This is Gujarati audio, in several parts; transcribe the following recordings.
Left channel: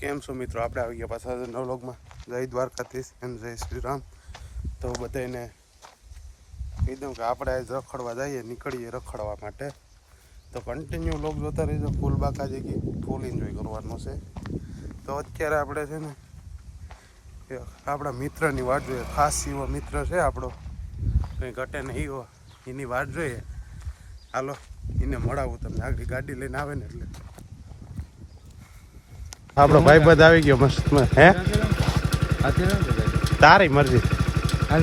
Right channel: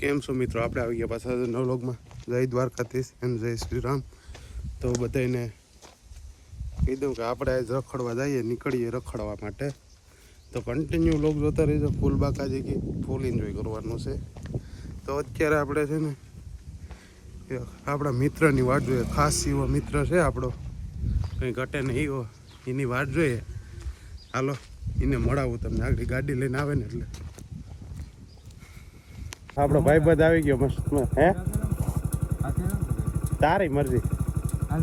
કેમ છો મિત્રો? આપણે આવી ગયા પાછા નવલોકમાં. જય દ્વારકાધીશ અને જય શ્રી રામ. તો બધાને કહી દઉં કે આપણે રખડવા જઈએ, નીકળીએ રખડવા માટે. તો કન્ટિન્યુ લોક જોતા રહીજો. ફૂલ બાકાજી કે ફૂલ એન્જોય કરવાનું છે. તો અત્યારે આપણે છે ને આપણા મિત્રની વાટ જોઈએ. ખાસ એવો મિત્ર છે આપણો, કંઈ ઘટે નહીં એવો, એની વાટ જોઈએ. હાલો એને મળાવું તમને. આગળ ગાડી લઈને આવે ને એટલે આપણો ભાઈ બંધ આવી ગયો મસ્ત. હે તારી મરજી. હાલ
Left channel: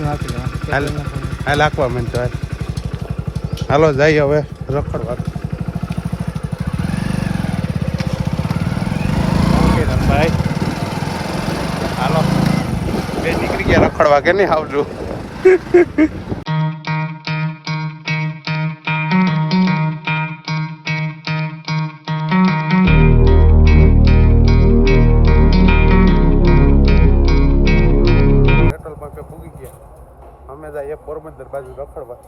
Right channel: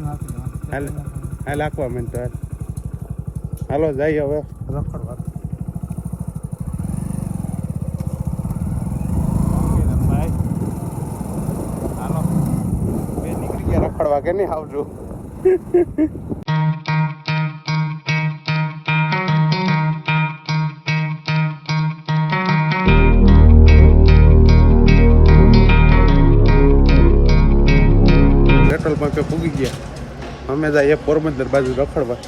નાખવા માંડતો. હાલો જઈએ હવે રખડવા. ભાઈ હાલો બે નીકળી ગયા રખડવા કે નહીં આવજો. પેટ્રોલ પંપે પૂગી ગયા. અમે જઈએ પોરબંદર બાજુ રખડવા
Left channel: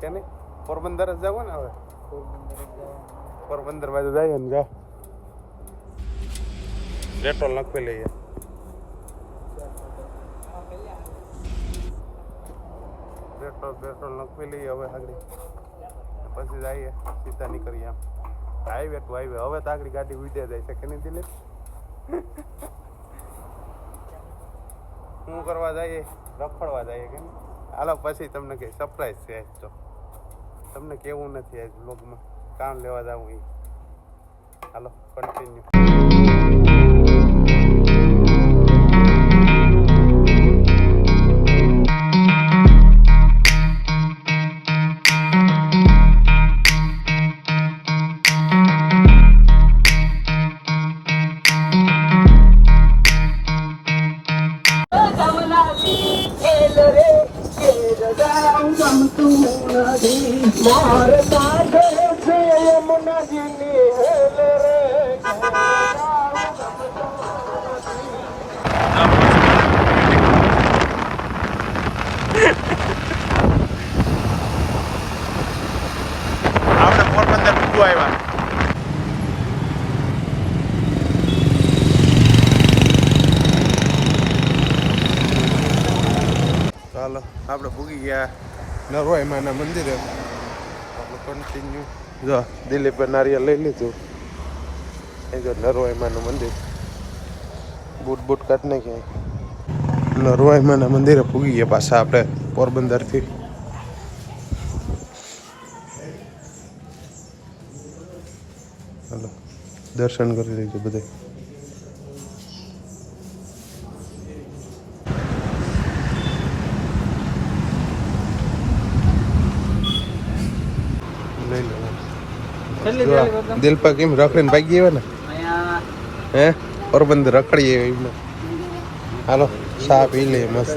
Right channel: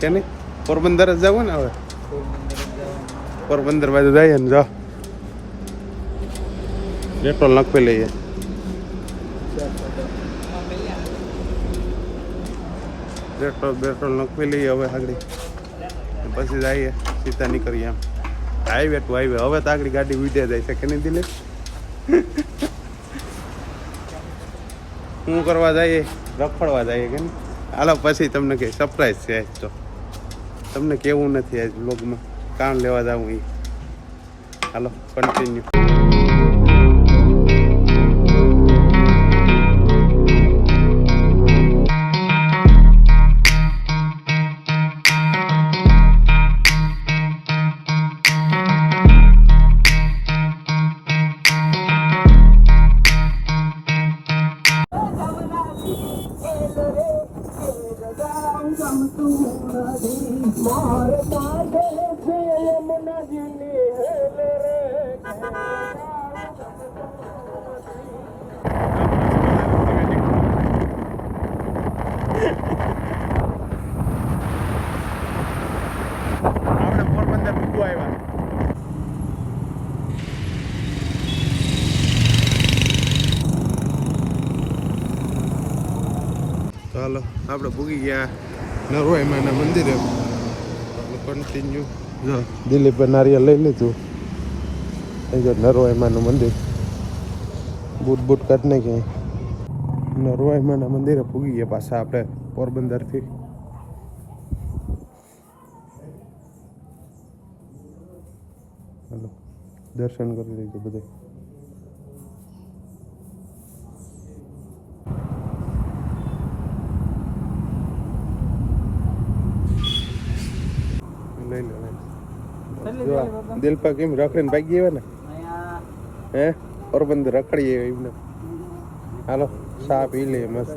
કે નહીં? પોરબંદર જ જવું ને હવે. પોરબંદર બાજુ જઈએ ને જાઓ પેટ્રોલ નાખી લઈએ. પેટ્રોલ નાખી લઈએ હવે આગળ. પછી જઈએ સીધા નીકળીએ એમ હાઈવે ટુ હાઈવે. હવે તો આગળ ગાડી વીટે જાય છે કે નહીં દિલે? શું કરવા જઈએ? રખડવા જઈએ કે નહીં? હાલો પછી તમને કંઈ સરપ્રાઈઝ છે આજ. તો તમને કેવું નથી આજ બ્લોગમાં કામ લેવા જવું એ. હાલો કન્ટિન્યુ. આપણે પોરબંદર પૂગવા આવ્યા. ચાલો આપણે પૂગી ગયા નરવાઈ માના મંદિરે. ચાલો કન્ટિન્યુ. જો દિલીપ નારિયેલ લઈ લીધું. એ જો નરવાઈ માનું મંદિર. બૂટ કાઢ નાખી. નરવાઈ માના મંદિરે પૂગી ગયા પાછા આપણે પોરબંદરથી. ચાલો દર્શન કરી લઈશું બધા. દિલપા કેમ રખડીને ભાગી આવ્યા ને? હે પોરબંદર રખડી આવ્યા. હાલો ચા પી લઈએ મસ્ત.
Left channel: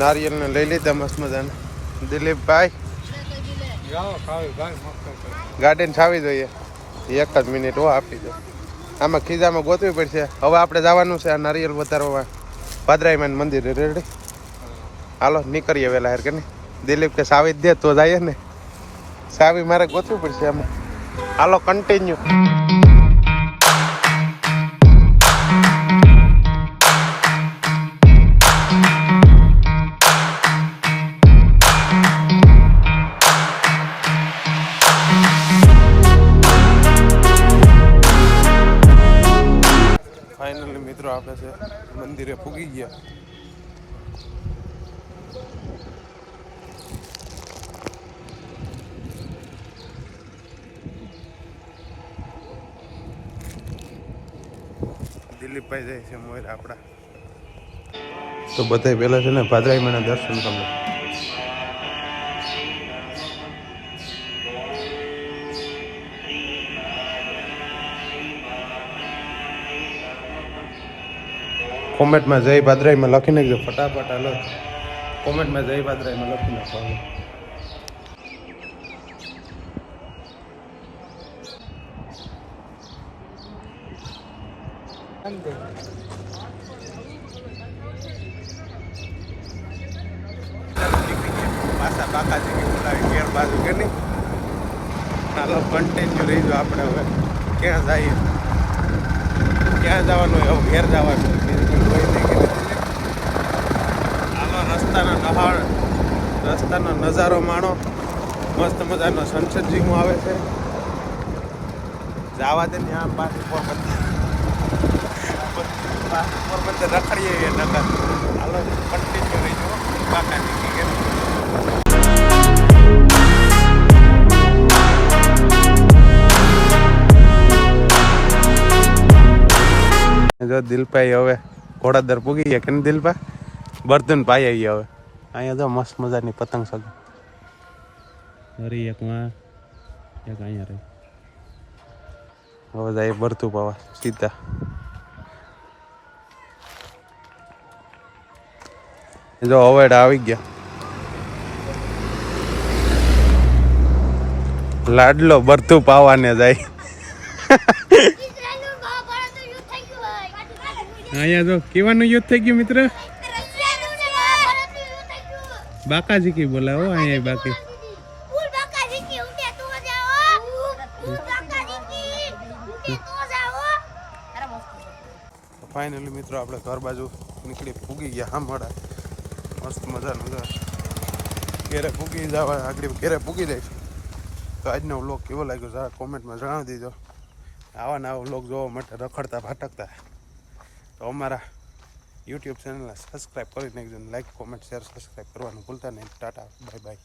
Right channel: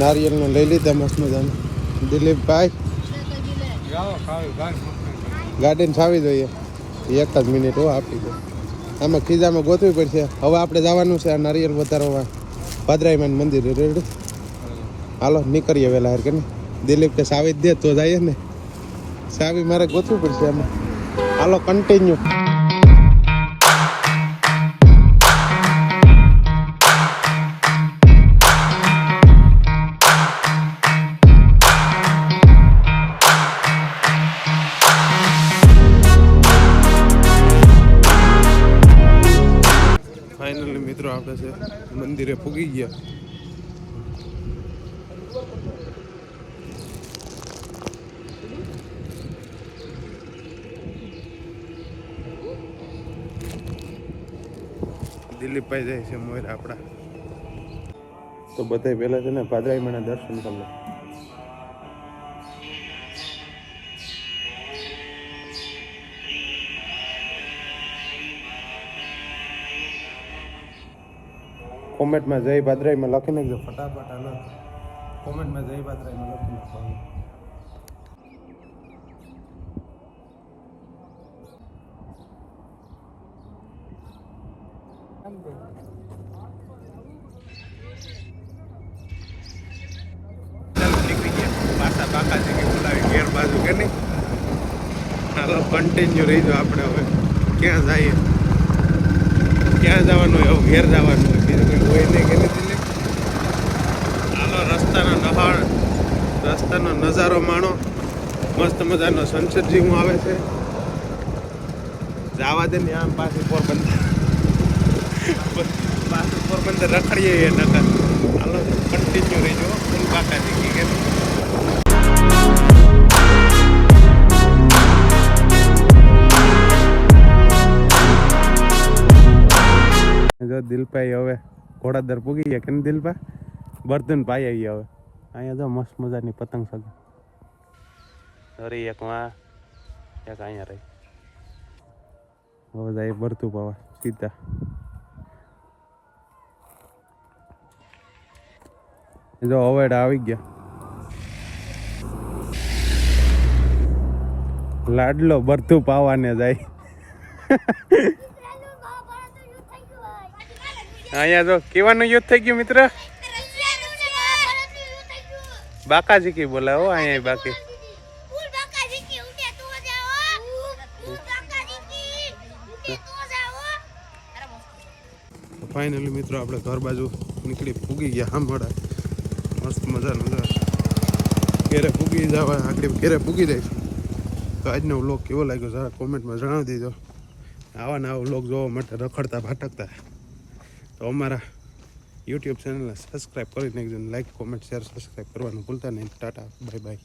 નારિયેલ ને લઈ લીધા મસ્ત મજાને. દિલીપભાઈ ગાડીને છાવી જોઈએ. એક જ મિનિટ હો આપી દો. આમાં ખીજામાં ગોતવી પડશે. હવે આપણે જવાનું છે આ નારિયેલ વધારવા ભાદરાઈમાન મંદિરે. રેડી? હાલો નીકળીએ વહેલા યાર કે નહીં? દિલીપ કે સાવી જ દે તો જઈએ ને. સાવી મારે ગોતવી પડશે આમાં. હાલો કન્ટિન્યુ. ફાઇનલી મિત્રો આપણે છે મંદિરે પૂગી ગયા. દિલીપભાઈ જાય છે મોર આપણા. તો બધા પહેલા છે ને ભાદરાઈમાના દર્શન કરો. કોમેન્ટમાં જય ભાદરાઈમાં લખી નાખજો ફટાફટ. હાલો કોમેન્ટમાં જય ભાદરાઈમાં લખી નાખો. પાછા બાકાજી કે બોલાવી ઘેર બાજુ કે નહીં. હાલો કન્ટિન્યુ રહી જાઓ આપણે હવે ક્યાં જઈએ. ક્યાં જવાનું હોય? હવે ઘેર જવાનું હોય, બીજું કંઈ હોય નહીં કે નથી. હાલો રસ્તાનો નજારો માણો. મસ્ત મજાનો સનસેટ જેવું આવે છે. જવા દે ને આમ પાછી પોરબંદર રખડીએ નકર. હાલો કન્ટિન્યુ રહીજો ફૂલ બાકા શીખી કે જો દિલભાઈ હવે ઘોડાદર પૂગી ગયા કે દિલભા બર્તન પાઈ આવી હવે. અહીંયા જો મસ્ત મજાની પતંગ સગી રહી, એકમાં એક અહીંયા રહી. હવે જાય બરતું પાવા સીધા. જો અવેડા આવી ગયા. લાડલો બરતું પાવાને જાય. અહીંયા તો કેવાનું યુદ્ધ થઈ ગયું મિત્ર? બાકા શીખી બોલાવો અહીંયા બાકી. ફાઇનલી મિત્રો આપણે ઘર બાજુ નીકળી પૂગી ગયા. હામડા મસ્ત મજાનું ઘેરે પૂગી જવા આગળ ઘેરે પૂગી દઈશું. તો આજનો વ્લોગ કેવો લાગ્યો જરા કોમેન્ટમાં જણાવી દેજો. આવા નવા વ્લોગ જોવા માટે રખડતા ભટકતા તો અમારા યુટ્યુબ ચેનલને સબસ્ક્રાઈબ કરી નાખજો. લાઈક કોમેન્ટ શેર સબસ્ક્રાઈબ કરવાનું ભૂલતા નહીં. Tata bye bye.